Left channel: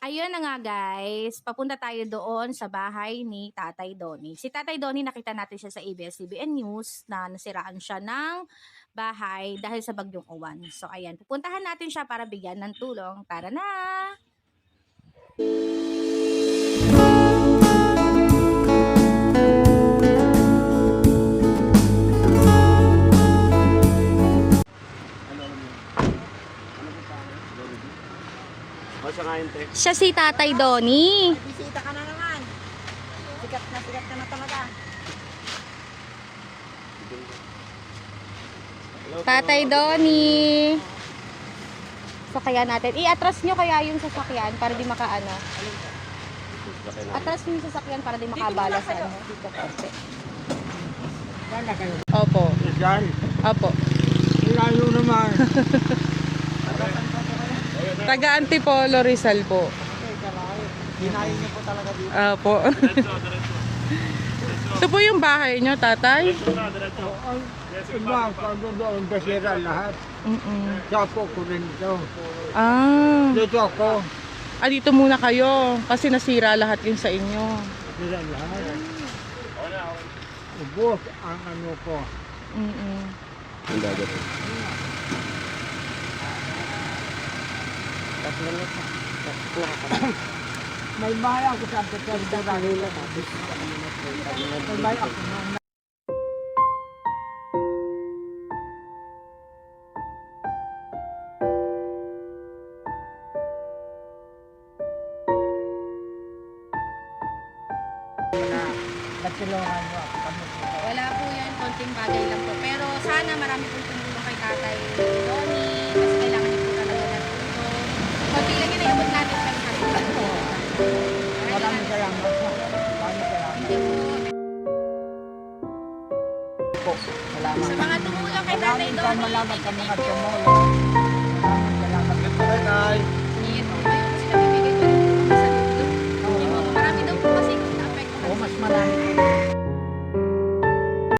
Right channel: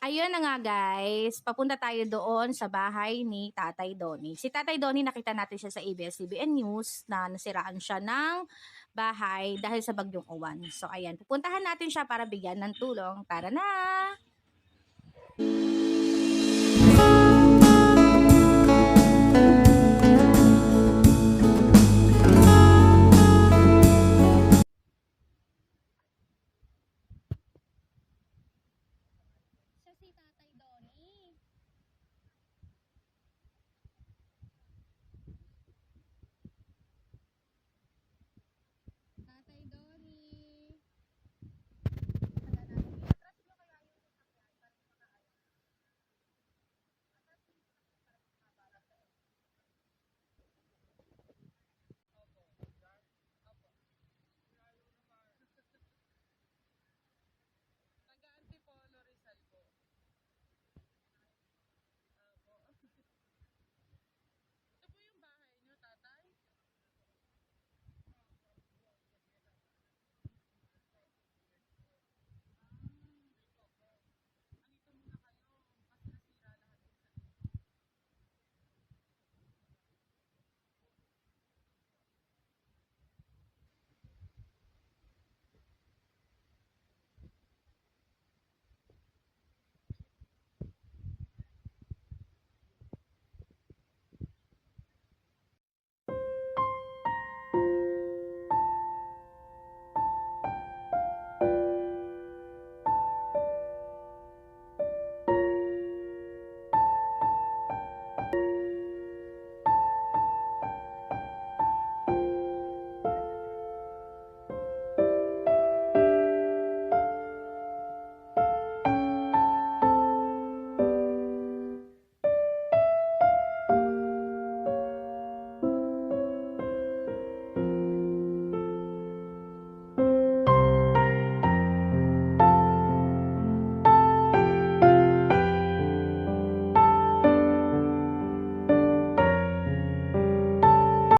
Ayun na nga guys, papunta tayo doon sa bahay ni Tatay Donnie. Si Tatay Donnie nakita natin siya sa ABS-CBN News na nasiraan siya ng bahay dahil sa bagyong uwan. So ayan, pupuntahan natin siya para bigyan ng tulong. Tara na! Siya si Tatay Donnie. Bisita ka na naman. Sikat ka na talaga. Tatay Donnie. Sakyan natin. I-atras nyo kaya yung sasakyan para di makaano. Atras nyo yung sasakyan para di makabala sa ano. Dito kasi. Saan na kayo? Opo. Diyan. Opo. Layo naman. Taga Antipolo, Rizal po. Hinayin niyo po talaga dito. Opo. Ito po yung bahay nyo, tatay? Ang iba, pag doon, basira lahat. Sapo ko rin ito. Ah. Dito ako. Dito muna kayo. Kasi nasira lahat yung sa inyo. Basira lahat. Ubos ang ano ko. Mm-mm. May bahay ako sa Antipolo. May bahay ako na. Nagtulungan mo ako kami. Wala po yan, konting bagay lang po. Pero sana marami pong tumulong kay Tatay Donnie. Kasi kailangan niyo po talaga ng tulong. Konti lang yun, iabot natin siya sa kanila. Maraming salamat. Maraming salamat. Po. Salamat. Sa mga tumulong kay Tatay Maraming Donnie. salamat sa mga tumulong.